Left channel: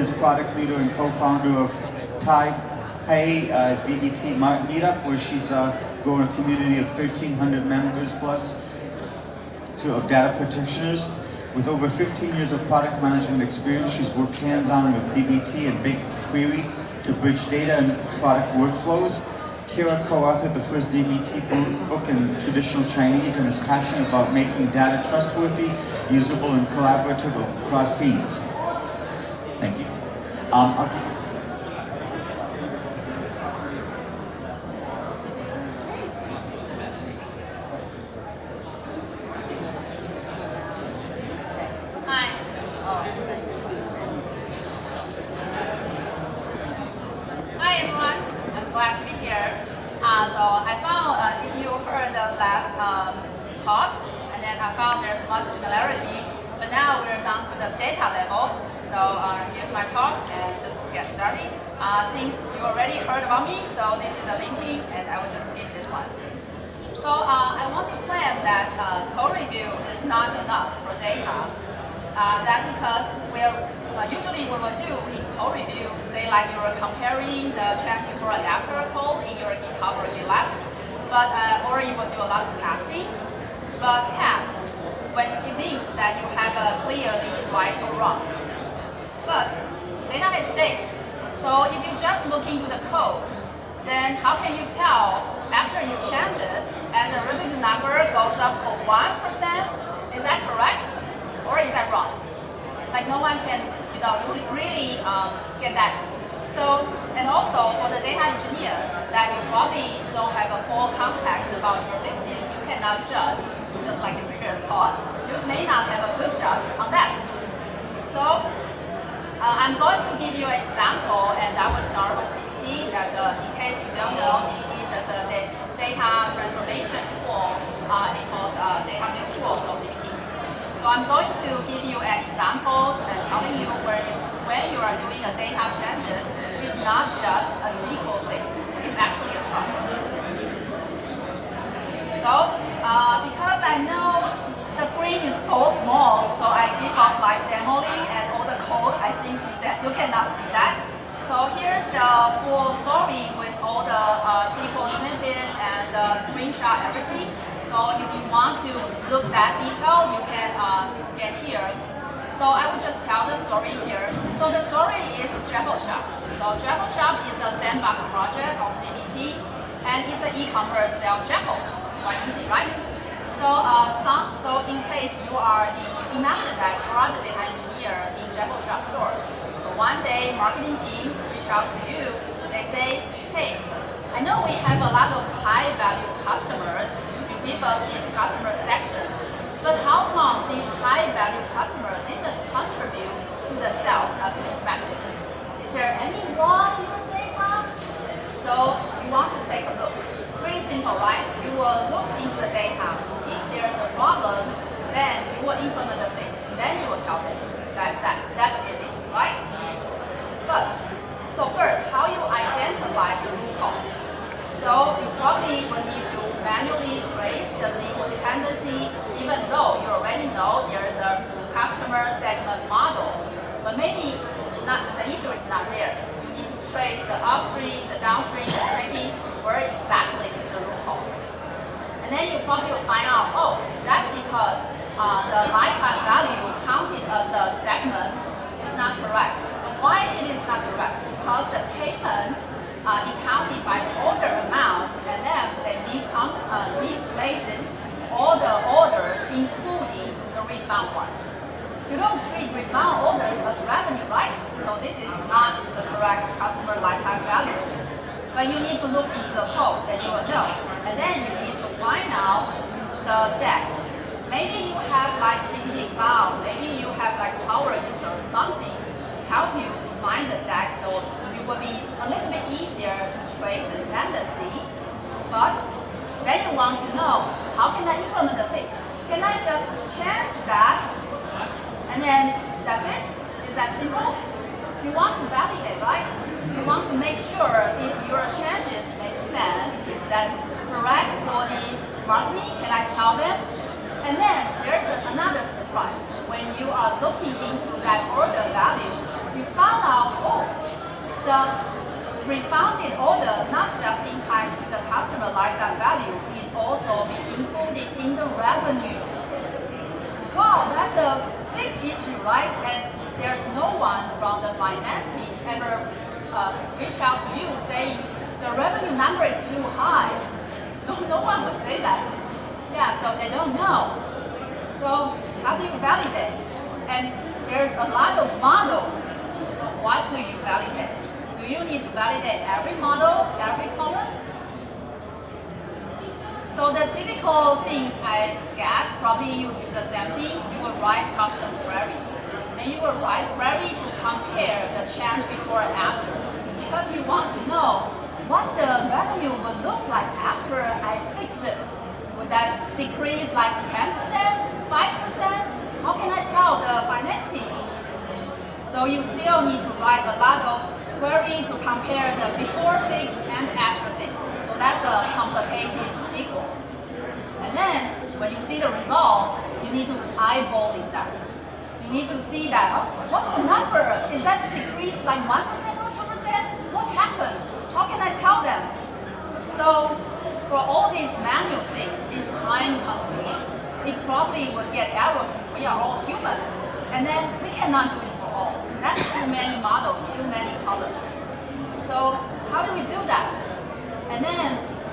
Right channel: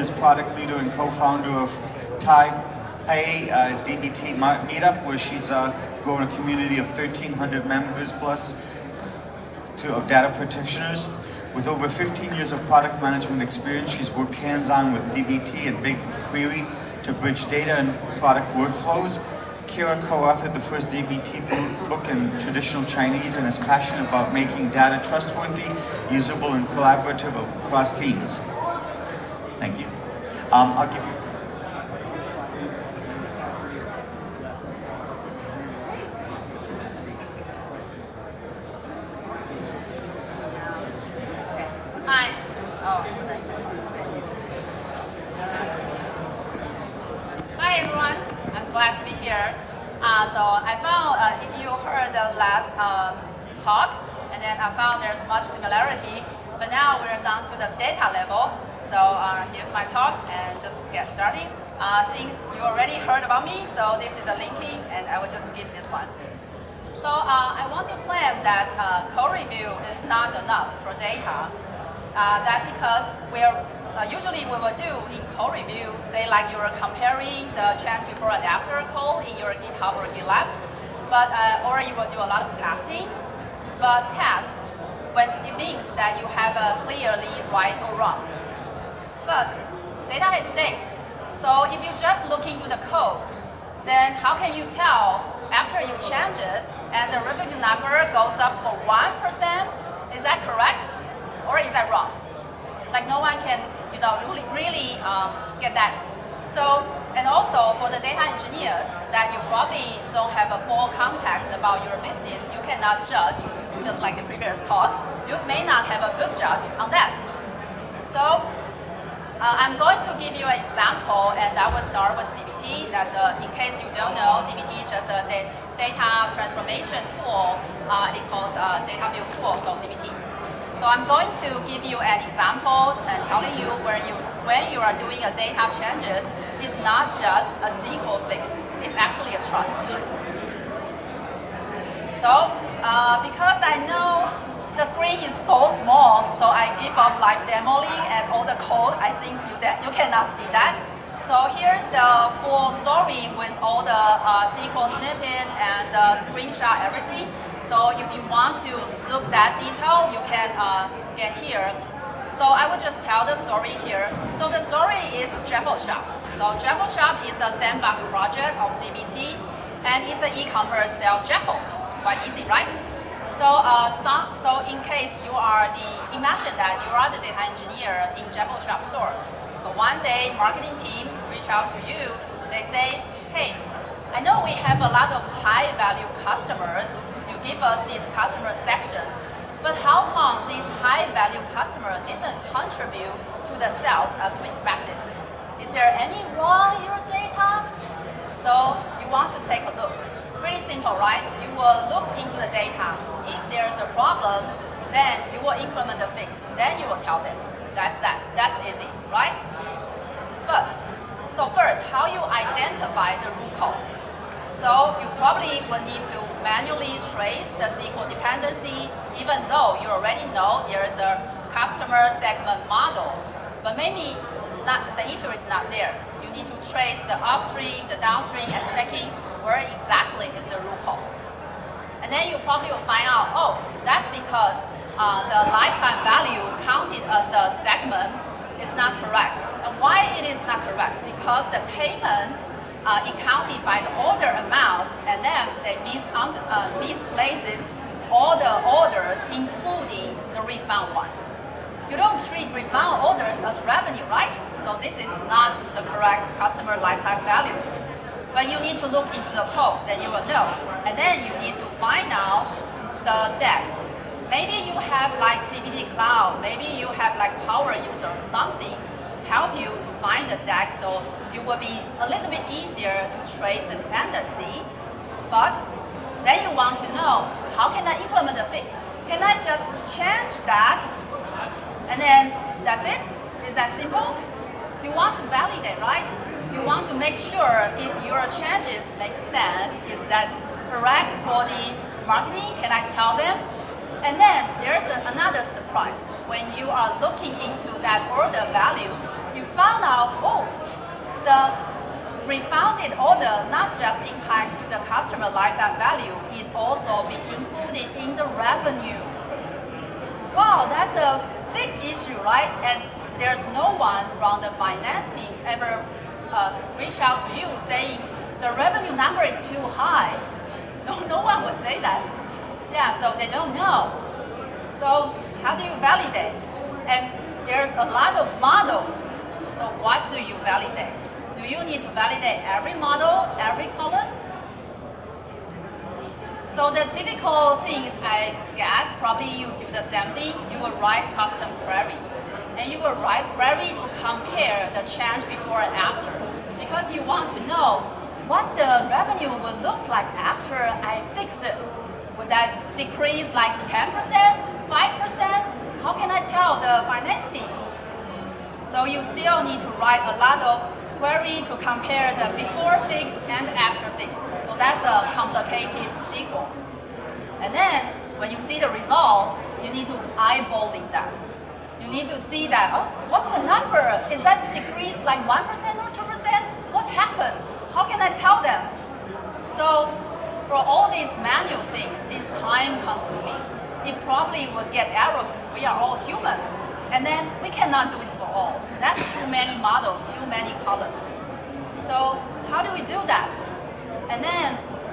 is product leader and co-founder of Hsieh DBT Meetup, where she's growing a community of 1,300 members plus of data practitioners. With over 15 years of product management experience, she's worked hands-on with DBT and BigQuery to bridge data and product workflows. Kira co-authored the first DBT book in traditional Chinese and is passionate about making data trustworthy, usable, and collaborative across teams. Thank you. I'll give you. Since you already heard about me, so this is the linking, and I will just give this one. So I want to claim that code review is not enough for data. That because usually we will do in code review, say like you are comparing the change before and after code in your GitHub or GitLab, but or you will do a lot of testing. But test, when it means that you have a clearly right or wrong. But data is stakes. So if you just look into the code, then how can you tell after you changes and the revenue number goes up for 1%? Is that correct? Or is that wrong? Like no one can, really get that. So, and also for the data engineers that you probably don't have a full context about your business, you cannot judge, just like the previous talk. You may not have a good judge on that. So, I'm going to give you an example, and I will start with DBT. That's in case you don't know, DBT is just a data transformation tool. It calls data build tool, so DBT. So I'm going to give you an example and telling you when you are doing a data changes, it's not just a SQL fix. It's actually a trust issue. So because I know the screen is so small, so I give up like demoing and all the code. I think you cannot see that. So here's the full story with all the SQL snippet and screenshot everything. So if you want to look that detail, you can get here. So I will just tell the story here. So the story is Jekyll Shop. So Jekyll Shop is a sandbox project of DBT, and it's an e-commerce sell Jekyll. Quite easy, right? So in case you are imagine that you are the data engineer in Jekyll Shop store. So one day, marketing team reach out to you. They say, hey, I know we have a lot of high value customers. You give us these customer sections, but how come these high value customers didn't contribute to the sales as we expected? Is there any wrong in your data? So you want to take a look. Pretty simple, right? You will look into the data. If there's a problem, then you will implement the fix. Then you will tell them. That's that. That's easy, right? But, so first, how you identify the root cause? So you probably will need to manually trace the SQL dependency, even though you already know there's a customer segment model. But maybe the issue is not there. You need to trace the upstream, the downstream, and checking where exactly is the root cause. And then you probably will find out, oh, that's because the lifetime value counted as a segment is not correct. And why it is not correct? Because the payment is counted by the order amount, and then they misplaces all the orders, including the refund ones. You don't treat refund orders as revenue, right? So this is not the correct customer lifetime value. But you need to look into the code, then you will know. And then you need to find out the deck. Maybe you have like DBT Cloud, maybe you have like Power User or something help you to find the deck, so it will be a little bit easier to trace the dependency. But then you want to know, how can I implement the fix? Can I just change that and then that's it? Is that simple? You want to validate, right? You want to make sure if your changes make sense. Is that correct for the marketing? Can I tell them? And then there's another surprise. When you are looking into that order value, we found out, oh, the refunded order not just impacts the customer lifetime value, it also be included in the revenue. Wow, that's a big issue, right? And there's no one from the finance team ever reach out to you saying the revenue number is too high. No one would say that. Yeah, so they don't know. So how do you validate? And there's a lot of models. So what do you validate? Do you need to validate every model, every column? So the typical things, I guess, probably you do the same thing. You will write custom queries. And you will write query to compare the change before and after. Because you want to know what the revenue would look like after I fix this. Would that decrease like 10%, 5%? How can I tell the finance team? So you still need to write a lot of query to compare the before fix and after fix. So that's a complicated SQL. And then when you see the result, you need to eyeball that. You need to see that, what's the number? Is that decreased like 1% or 2%? What happened? How can I tell them? So for all these manual things, it's time consuming. It probably would get error because we are all human. And then we cannot do it for all. That's too many models, too many columns. So how do we do that?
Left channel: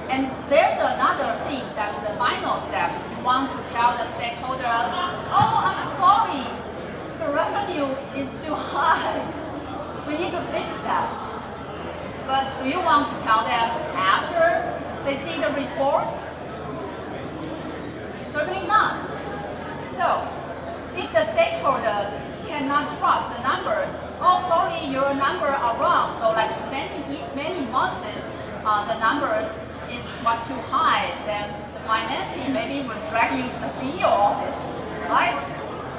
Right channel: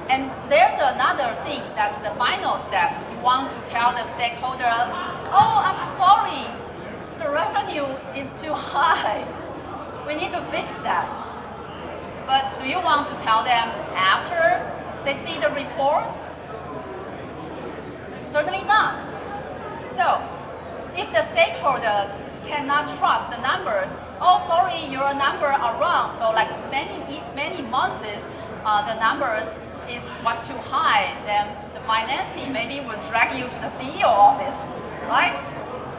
And there's another thing that the final step, you want to tell the stakeholder, oh, I'm sorry, the revenue is too high. We need to fix that. But do you want to tell them after they see the report? Certainly not. So if the stakeholder cannot trust the numbers, oh, sorry, your numbers are wrong. So like many months, the numbers was too high, then the finance team maybe will drag you to the CEO office, right?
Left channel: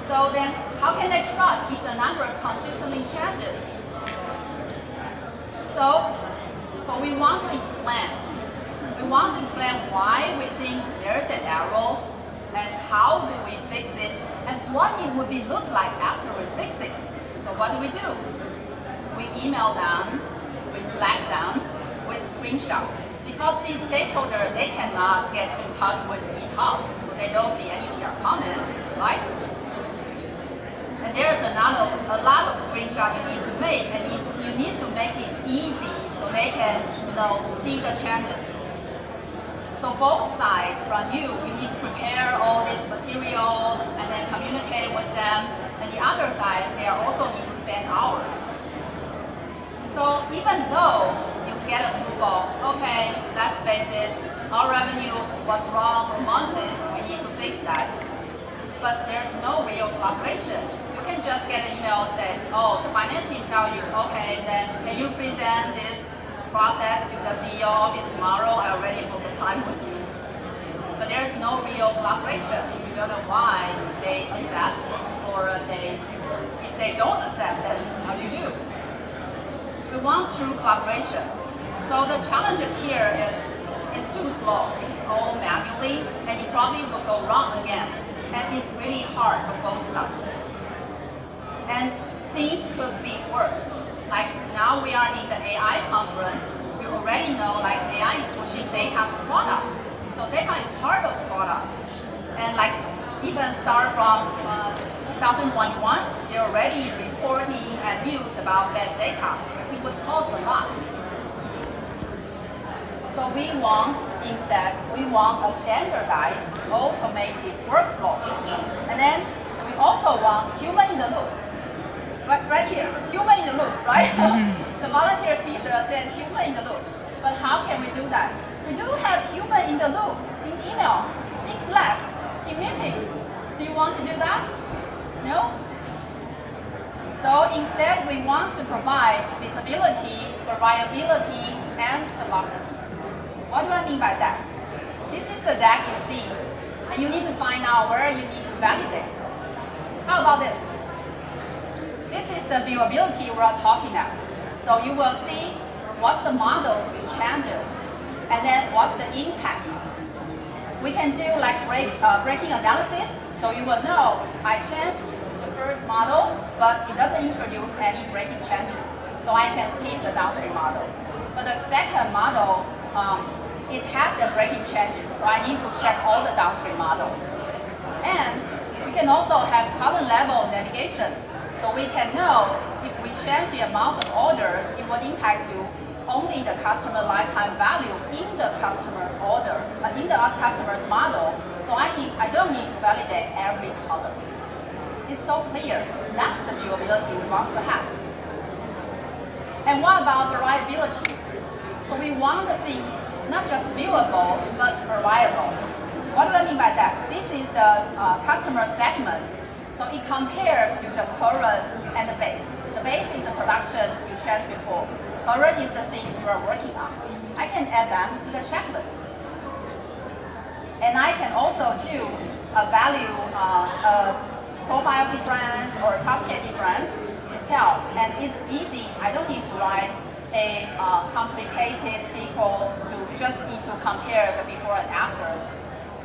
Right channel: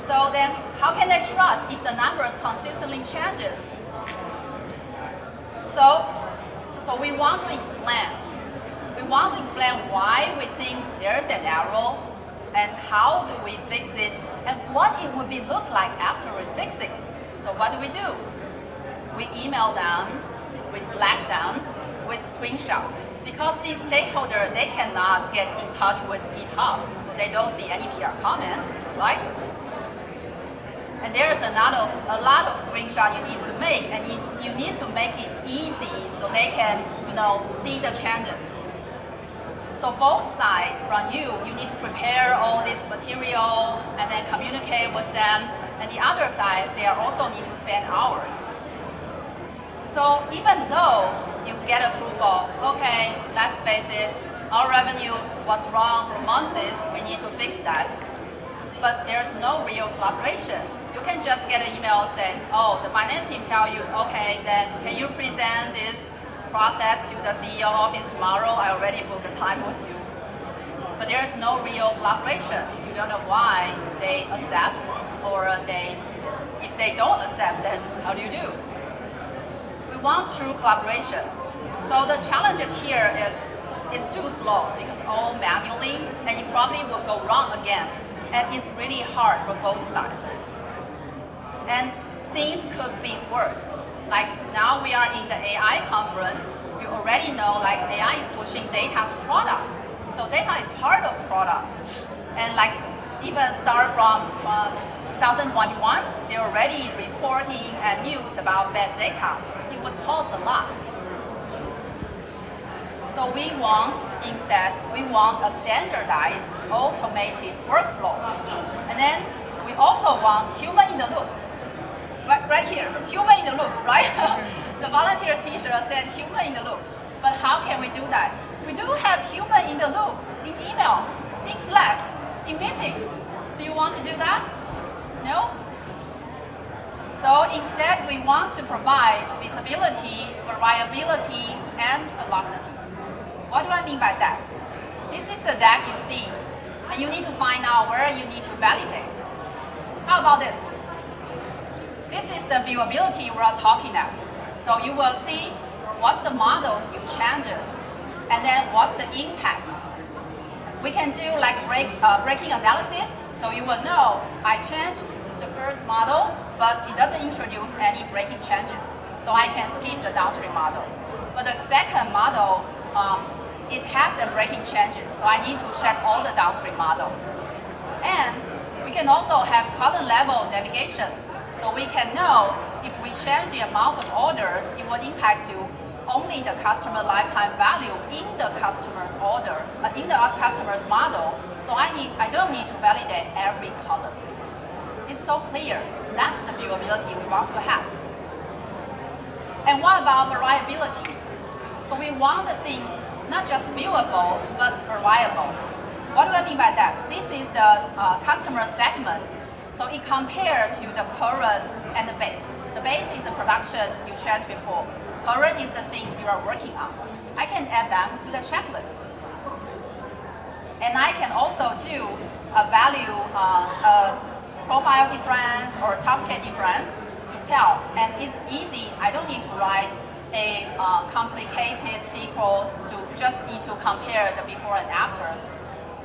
So then how can they trust if the numbers consistently changes? So we want to explain. We want to explain why we think there's an error and how do we fix it and what it would be look like after we fix it. So what do? We email them, we Slack them with screenshot. Because these stakeholders, they cannot get in touch with GitHub, so they don't see any PR comments, right? And there's a lot of screenshots you need to make, and you need to make it easy so they can, see the changes. So both sides, from you need to prepare all this material and then communicate with them, and the other side, they also need to spend hours. So even though you get approval, okay, let's face it, our revenue was wrong for months, we need to fix that. But there's no real collaboration. You can just get an email saying, oh, the finance team tell you, okay, then can you present this process to the CEO office tomorrow? I already booked the time with you. But there's no real collaboration. You don't know why they accept, or if they don't accept, then what do you do? We want true collaboration. So the challenges here is it's too slow. It's all manually, and it probably will go wrong again. And it's really hard for both sides. And things could be worse. Like now we are in the AI conference. We already know like AI is pushing data to product. So data is part of product. And like even start from 2021, they're already reporting and news about bad data. It would cost a lot. So we want a standardized, automated workflow. And then we also want human in the loop. Right here, human in the loop, right? The volunteer teacher said human in the loop. But how can we do that? We do have human in the loop in email, in Slack, in meetings. Do you want to do that? No? So instead, we want to provide visibility, reliability, and velocity. What do I mean by that? This is the deck you see, and you need to find out where you need to validate. How about this? This is the viewability we're talking about. So you will see what's the models you changes, and then what's the impact. We can do like breaking analysis, so you will know I changed the first model, but it doesn't introduce any breaking changes. So I can skip the downstream model. But the second model, it has the breaking changes. So I need to check all the downstream model. And we can also have column level navigation. So we can know if we change the amount of orders, it will impact you only the customer lifetime value in the customer's order, in the customer's model. So I don't need to validate every column. It's so clear. That's the viewability we want to have. And what about variability? So we want the things not just viewable, but variable. What do I mean by that? This is the customer segment. So it compares to the current and the base. The base is the production you checked before. Current is the things you are working on. I can add them to the checklist. And I can also do a value profile difference or top K difference to tell. And it's easy. I don't need to write a complicated SQL to just need to compare the before and after.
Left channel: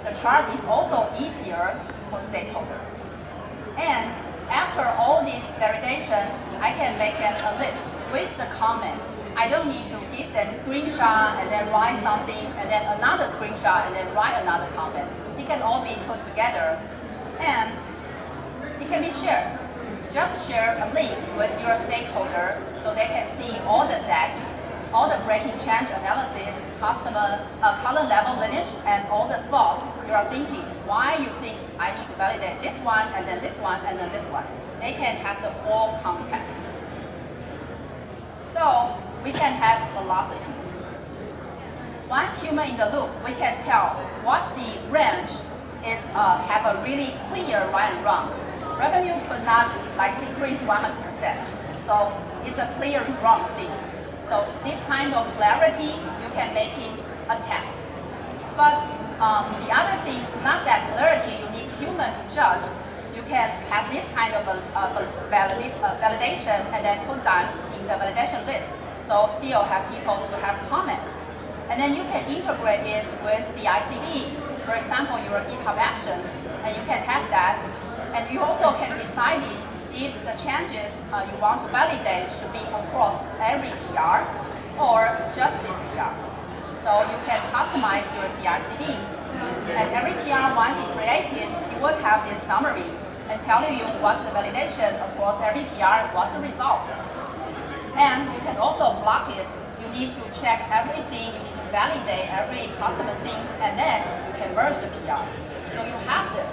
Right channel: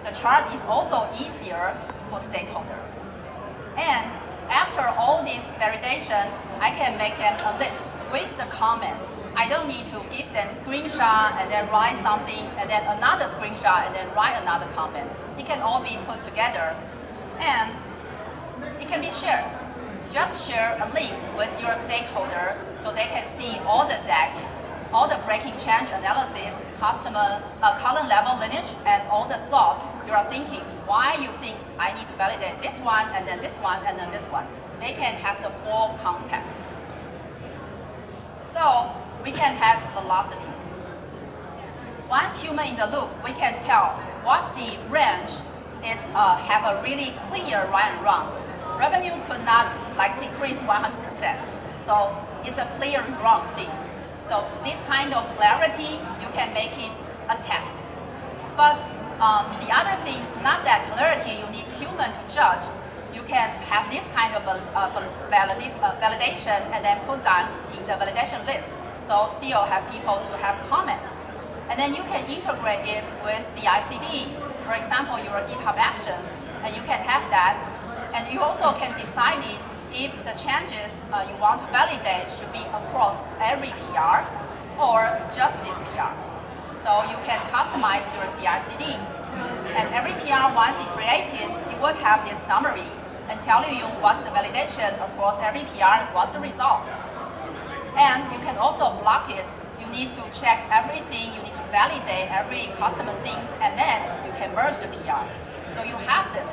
The chart is also easier for stakeholders. And after all this validation, I can make them a list with the comment. I don't need to give them screenshot and then write something and then another screenshot and then write another comment. It can all be put together and it can be shared. Just share a link with your stakeholder so they can see all the deck, all the breaking change analysis, customer column level lineage, and all the thoughts you are thinking. Why you think I need to validate this one and then this one and then this one. They can have the full context. So we can have velocity. Once human in the loop, we can tell what's the range is have a really clear right and wrong. Revenue could not decrease 100%. So it's a clear wrong thing. So this kind of clarity, you can make it a test. But the other thing is not that clarity you need human to judge. You can have this kind of validation and then put them in the validation list. So still have people to have comments. And then you can integrate it with CI/CD. For example, your GitHub Actions, and you can have that. And you also can decide if the changes you want to validate should be across every PR or just this PR. So you can customize your CI/CD. And every PR, once it's created, it would have this summary and telling you what's the validation across every PR, what's the result. And you can also block it. You need to check everything, you need to validate every customer things, and then you can merge the PR. So you have this.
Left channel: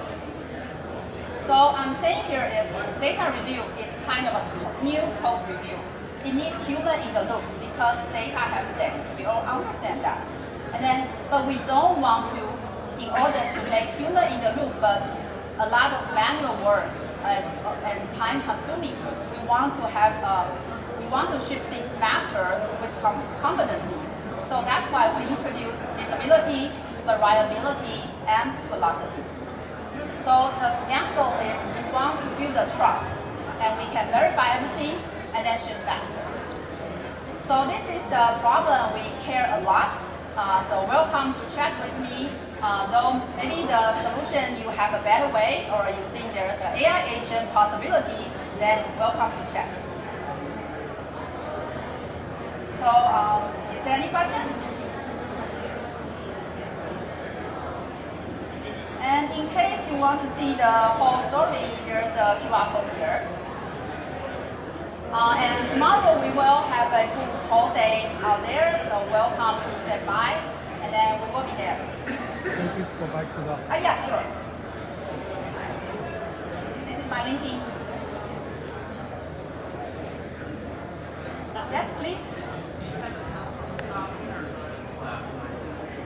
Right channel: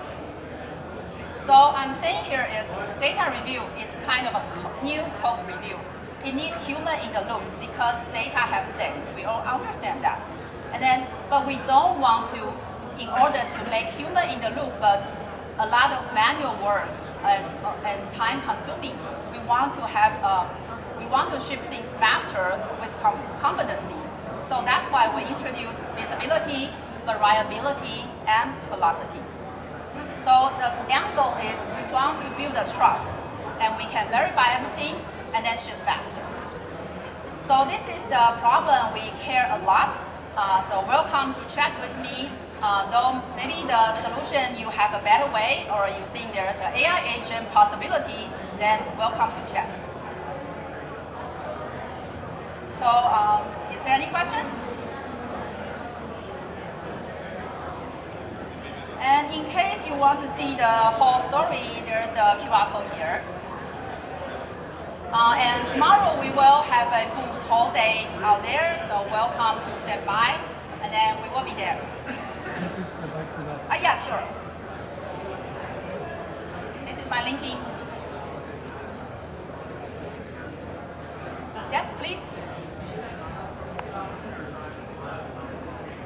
So I'm saying here is data review is kind of a new code review. It needs human in the loop because data has stakes. We all understand that. And then, but we don't want to, in order to make human in the loop, but a lot of manual work and time consuming. We want to have, we want to ship things faster with competency. So that's why we introduce visibility, variability, and velocity. So the end goal is we want to build a trust, and we can verify everything and then ship faster. So this is the problem we care a lot. So welcome to chat with me. Though maybe the solution you have a better way, or you think there's an AI agent possibility, then welcome to chat. So is there any question? And in case you want to see the whole story, there's a QR code here. And tomorrow we will have a booth whole day out there, so welcome to step by, and then we will be there. Can you please go back to that? Yeah, sure. This is my LinkedIn. Yes, please.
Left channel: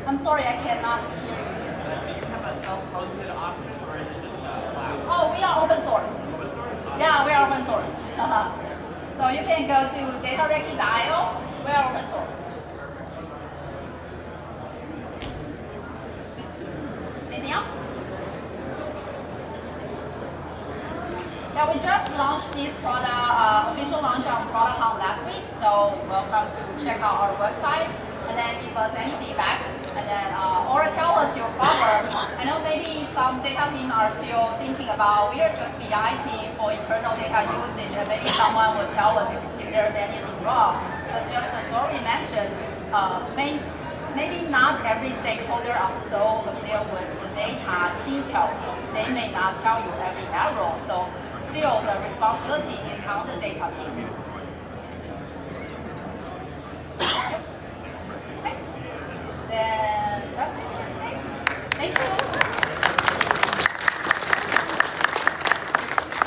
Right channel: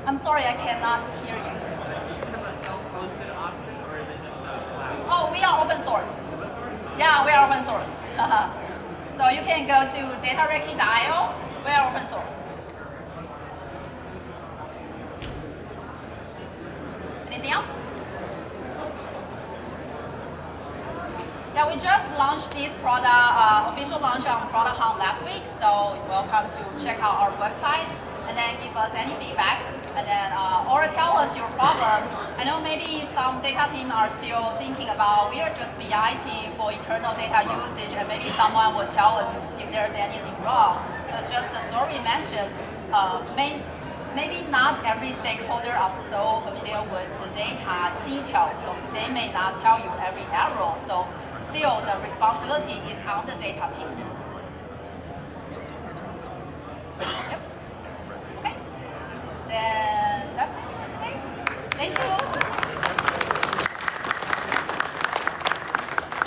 I'm sorry, I cannot hear you. Do you have a self-hosted option, or is it just cloud? Oh, we are open source. Open source? Yeah, we are open source. So you can go to datarecce.io. We are open source. Anything else? Yeah, we just launched this product, official launch on Product Hunt last week. So welcome to check out our website and then give us any feedback. And then, or tell us your problem. I know maybe some data team are still thinking about, we are just BI team for internal data usage, and maybe someone will tell us if there's anything wrong. But just as Lori mentioned, maybe not every stakeholder are so familiar with the data details, so they may not tell you every error. So still, the responsibility is on the data team. Okay, then that's it for today. Thank you.